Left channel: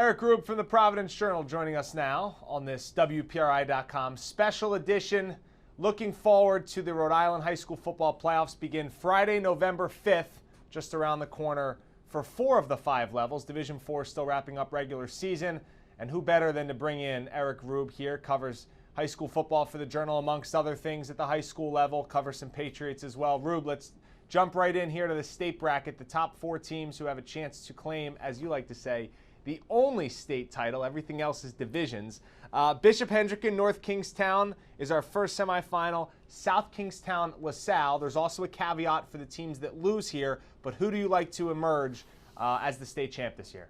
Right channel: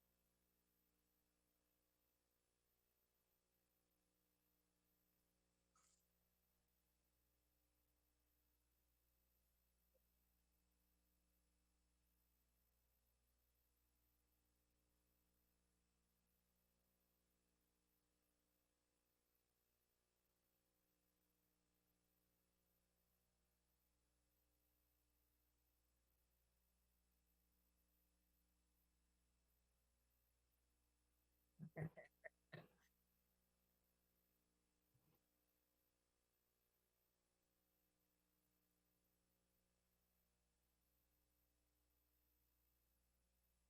Eric Rube from the Providence Journal joining us now on this WPRI.com special edition. Looking forward to the Rhode Island High School football playoffs begin Friday, November 5th, just around the corner for 4 of the 5 levels. Division 4 still wrapping up regular season. And who better than to bring in Eric Rube here, covers high school football for the Journal amongst other things at the high school level, covers some Patriots as well. Rube, let's jump right in here to the state bracket, the top 4 teams who have a chance to claim, as you like to say, the only state title. Everything else is divisions. Bishop Hendricken, North Kingstown is our first semifinal. South Kingstown, LaSalle. There's also a caveat for the teams that lose here, but who do you like to emerge as the state champ this year?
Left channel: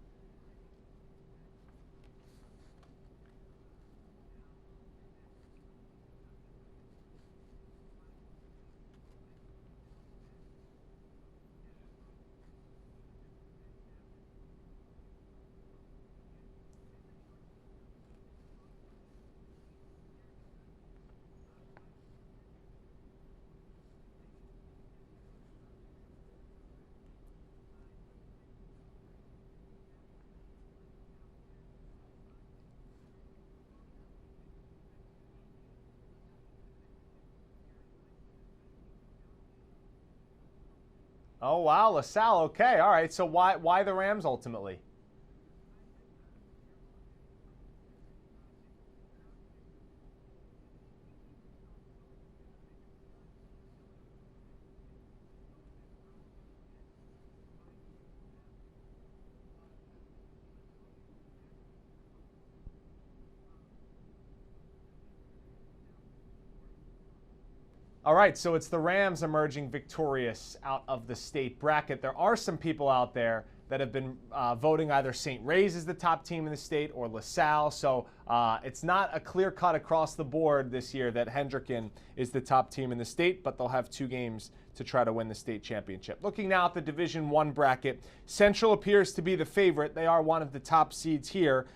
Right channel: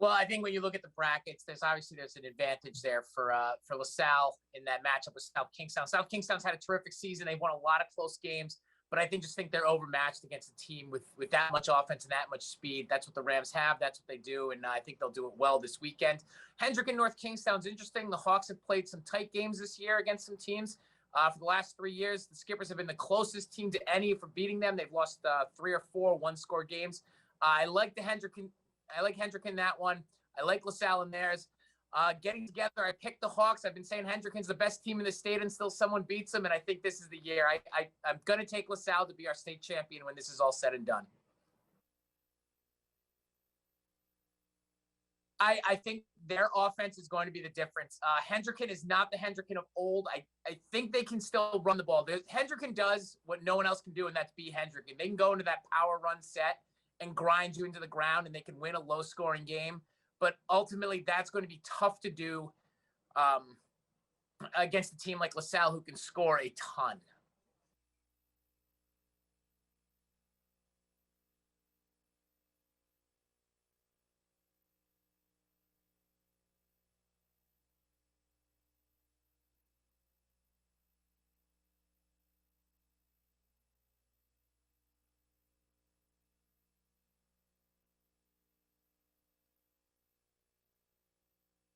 Well, I think when you look at the brackets, there's an advantage there for LaSalle in that matchup with South Kingstown. South Kingstown's had a terrific season. They've won a lot of close games. But I think they're overmatched against a team with that much offense and that much speed. That's what the Rams have. That's what they do, and I think they'll do it well this weekend. Hendricken, North Kingstown's interesting. The Hawks have played some tight games this year against some teams. For the last 3 years, the Skippers have been the closest team to any for beating them. They've lost 3 or 4 one-score games. I like Hendricken that one. I like LaSalle in theirs. Getting together, I picked the Hawks. I've been saying Hendricken's the best team in the state until someone beats them, and I think this is the year. I'm going to take LaSalle to be our state champion when this is all said and done. Oh, wow, LaSalle. Okay, all right. So why the Rams ultimately? I think their offense is going to be the difference. Hendricken is not the Hendricken of old. I think they can still run the ball. Hendricken does what no one else can do, and that's be Hendricken. They can go into that power run set and grind you into the ground, and they can win a low-scoring game. But ultimately, that's going to be tough to do against a team like LaSalle who can score a ton. All right, so it's the Rams emerging victorious out of the state bracket. There are some people out there that have been voting either St. Ray's as the top team in the state or LaSalle. So it's not a clear cut across the board this year that Hendricken is the top team in the state, but they'll have 2 games to try to win the state championship. Looking now at the Division I bracket, Central appears to be the favorite. They are one of the top seeds here,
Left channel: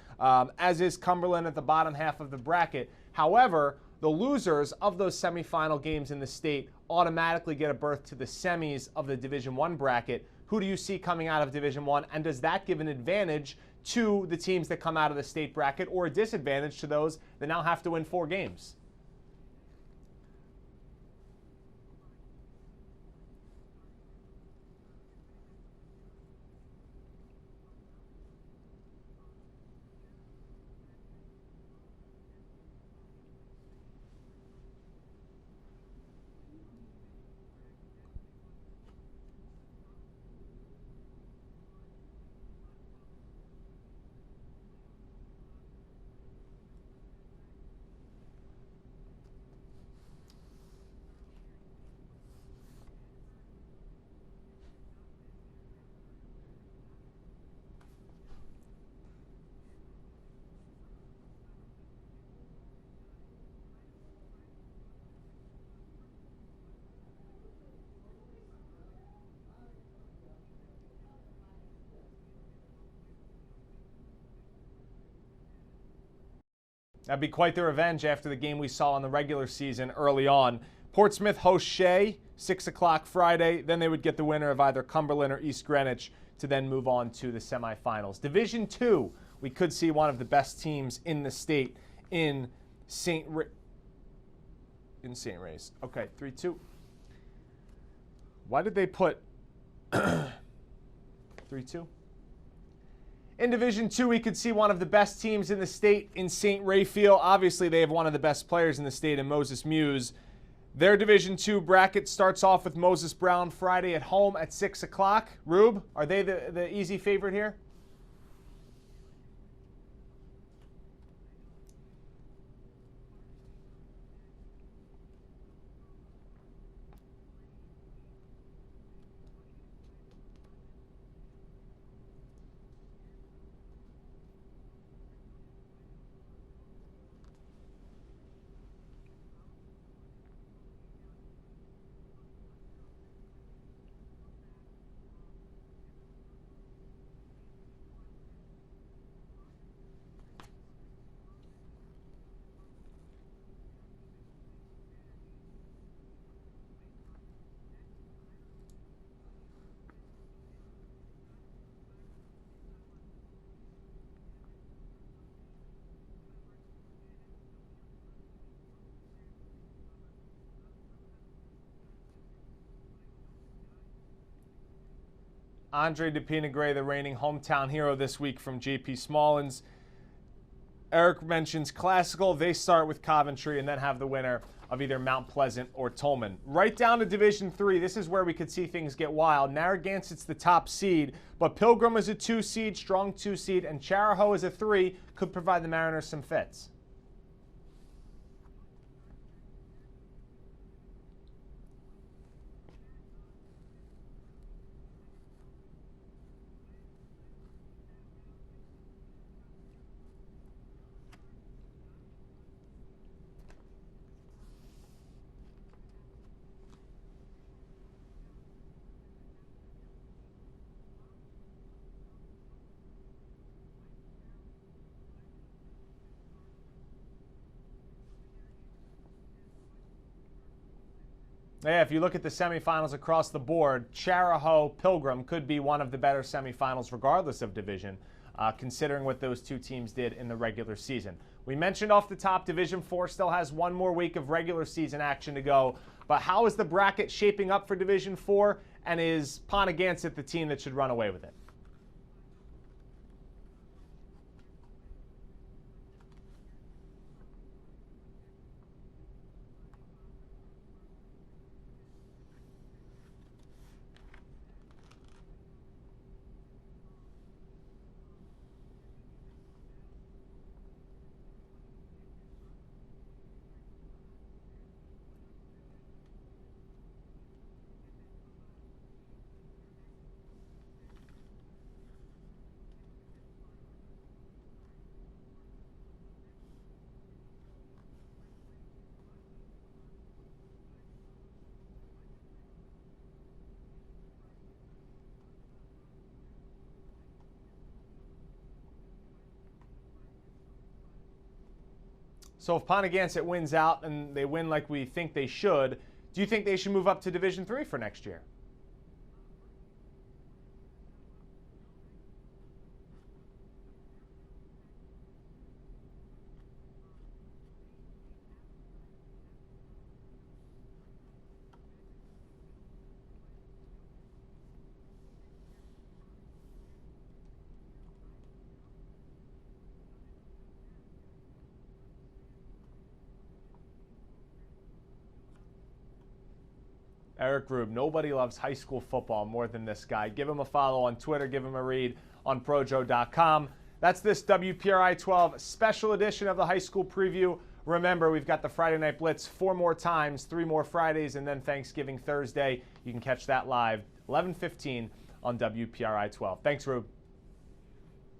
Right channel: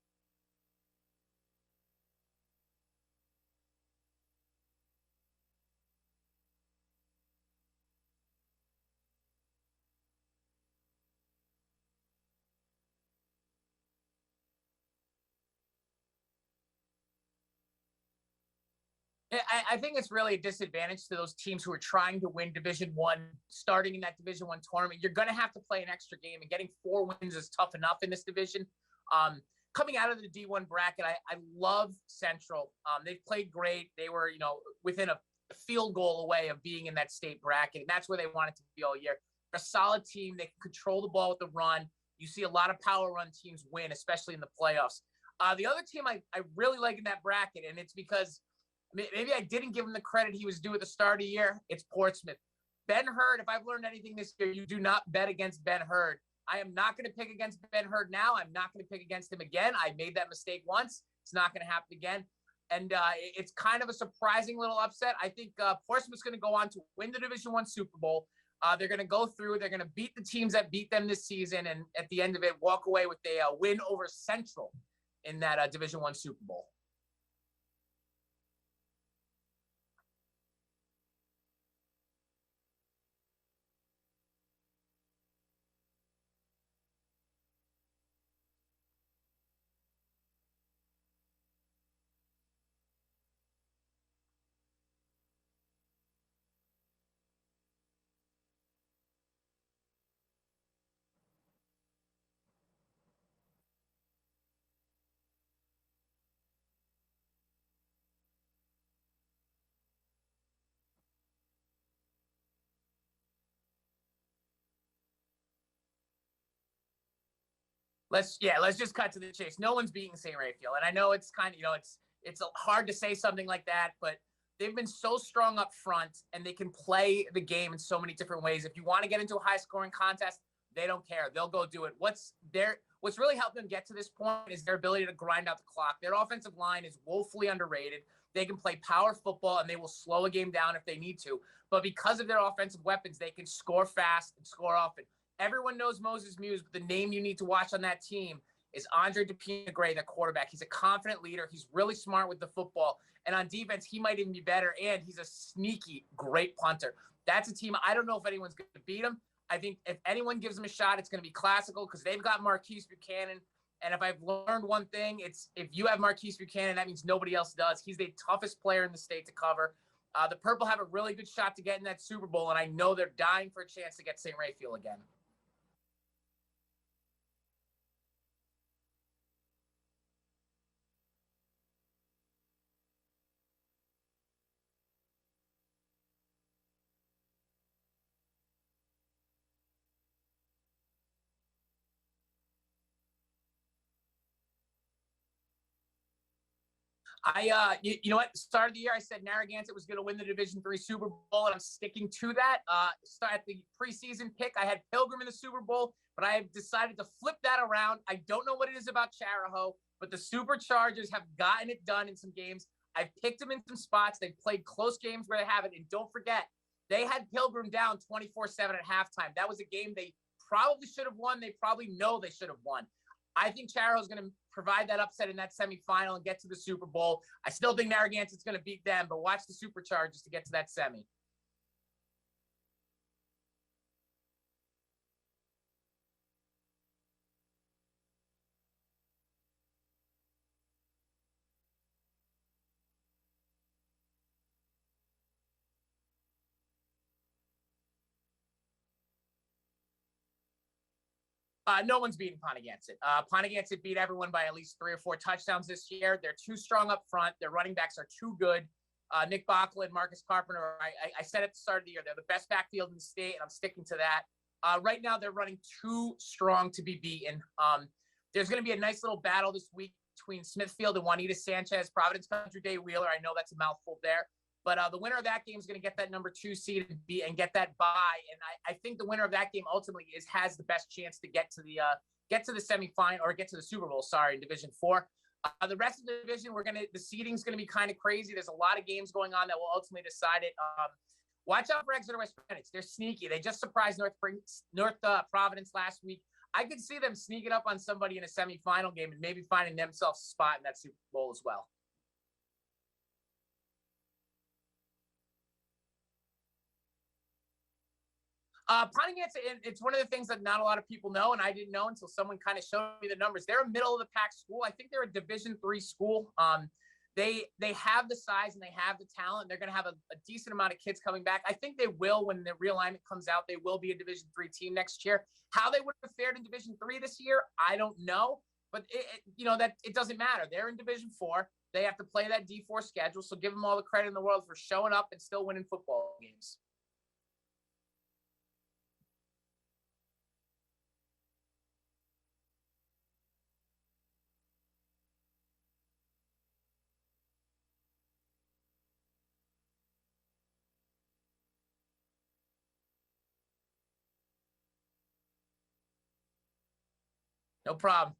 as is Cumberland at the bottom half of the bracket. However, the losers of those semifinal games in the state automatically get a berth to the semis of the Division I bracket. Who do you see coming out of Division I, and does that give an advantage to the teams that come out of the state bracket or a disadvantage to those that now have to win 4 games? I think it's really a disadvantage to those teams who are trying to win Division I, starting in that Division I tournament. You're going to have to play an extra game, and getting 4 wins is tough enough in this division. Coming out of the D1 bracket, I love Central. They've played great. They were, within a field goal away of being in that state bracket, and that's where they wanted to be all year. They're a solid team. They can control the ball with the run. You see a lot of power run teams win, especially in the playoffs. The other team I really like in that bracket, and it's because maybe I didn't give him the credit he was due at the start of the year. It's Portsmouth. Ben Hurd, if I've learned anything this year, you do not bet against Ben Hurd. I am not going to pick against Ben Hurd now. I'm not going to pick against him again. I made that mistake once. It's not going to happen again. And it's kind of a surprising little upset. I think Portsmouth's going to go on to win the Division I Super Bowl. They're going to go through. They're going to beat the teams that beat them this season, and at the end of it, walk away with a win over Central in that Division I Super Bowl. That'd be quite the revenge after the game we saw in the regular season early on. Portsmouth hosts Shea, 6 o'clock Friday. Then they would get the winner of either Cumberland or East Greenwich to then move on to the semifinals. Division II, we could see one of the best teams in the state in St. Ray's. Okay, 3-2. Why did they put 3-2? In Division II, we could see one of the best teams in the state in St. Raphael. Obviously, they have one of the best players in the state in Moses Muse. Their Division II bracket starts off with Moses Brown Friday at home at 6 o'clock. Rube, are they the easy favorite here? Let's just cut to the chase. No one's beating St. Raphael, and I know it's kind of it's hard to say something like that, but they've been so strong up front, and they can play the game in so many different ways. If you want to get into a high-scoring contest, they don't care. They'll go do it. What's really helped them get to this point is their ability to grind out the clock. Their offensive line is woefully underrated. They can play power football, and they will slow a game down if they need to. But because of their offensive weapons, they can score fast, score often. Everyone knows Moses Muse, but the name you need to watch on that team is Andre DePina-Gray, the quarterback. He's a confident leader. He's really smart with the football. And on defense, he might even be better, and he's a sneaky, great punter. That's a team I don't know if anyone's going to beat them. I think if anyone gives them a shot, it's going to be Classical because they've got Marquise Buchanan And if I've learned one thing, it's if you have Marquise Buchanan, that means nobody else does. He's the toughest player in the state to cover. The Purple have a really good shot to get in that Super Bowl, and I know they're dying for a chance to get St. Raphael again. Andre DePina-Gray, the reigning hometown hero this week from J.P. Smallins. Eric mentions Classical. They start with Coventry and then have the winner of either Mount Pleasant or Tolman. Right down to Division III, this is where we could see things get wild. Narragansett's the top seed, but Pilgrim is a 2 seed, strong 2 seed, and Charahoe is a 3, could provide the Mariners some fits. You know what? Start of the year, I said Narragansett was going to win the Division III Super Bowl, and I'm sticking to that. At the preseason pick, I had Pilgrim in the Super Bowl, but I have decided to flip that around. I don't know what it is about Charahoe, but the Superchargers have gotten it done in some games. I've picked them in some spots. They've played close games where they haven't, and don't forget, they had Pilgrim down 24-7 at halftime. That was a game they probably should have won. They probably know they should have won. I think Charahoe's going to provide that upset in that semifinal and get to the Super Bowl. I still think Narragansett's going to beat them, but watch the Superchargers to get to that semi. Yeah, if you look at the semifinals across the board, Charahoe Pilgrim could be one of the better semifinals regardless of division, considering what those two teams did in the regular season. We mentioned off the top, Division IV still has one more week of regular season action to go, but how is the bracket shaping up for Division IV, and is Pontigansett the team that should run away with it? No one's beating Pontigansett. Pontigansett beat everyone by at least 3 or 4 touchdowns this year. They're too strong up front. Their running backs are too good. Nick Backlund, Marcus Carpenter, I said at the start of the year, they're the best backfield in the state, and I'm sticking to that. Right now, they're running too strong to be beaten. There's going to be a nice little battle this week between Smithfield and Juanita Sanchez, Providence Country Day Wheeler. I know that's a mouthful there. But the winner of that game is going to get that number 2 seed and get that bye. And I think the winner of that game ultimately has the best chance to get to the semifinal or get to the Super Bowl. In Division IV. The rest of the division, the seeding's going to be kind of crazy. There's a lot of games going on that will ultimately decide it. Watch out for Exeter West Greenwich. They're sneaky. They just surprised North Providence last week. I could see them sneaking up on somebody in a semifinal game and maybe finding themselves a spot in that Super Bowl as well. So if Pontigansett wins out and they win like we think they should, do you think they should move up to Division III for next year? Pontigansett, it's one of the things that not a lot of people know, and I didn't know until someone kind of showed me the numbers. They're a middle-of-the-pack school. I think they're a Division III school. They have the size and they have the talent. They're going to have a decent amount of kids coming back. I think they will, when the realignment comes out, they will be a Division III team next year. How they would have fared in Division III this year, I don't know. But it doesn't matter. They're in Division IV. They have to play that D4 schedule, so give them all the credit in the world for showing up and still winning football games. Eric Rube, nobody loves high school football more than this guy. Give him a follow on Twitter. Give him a read on Projo.com. That's this WPRI 12 special edition of the high school preview. Remember, we've got the Friday Night Blitz 4 more times, 3 more Fridays, and then Thanksgiving Thursday. You can catch that live 11:15 on WPRI 12. Thanks, Rube. No problem.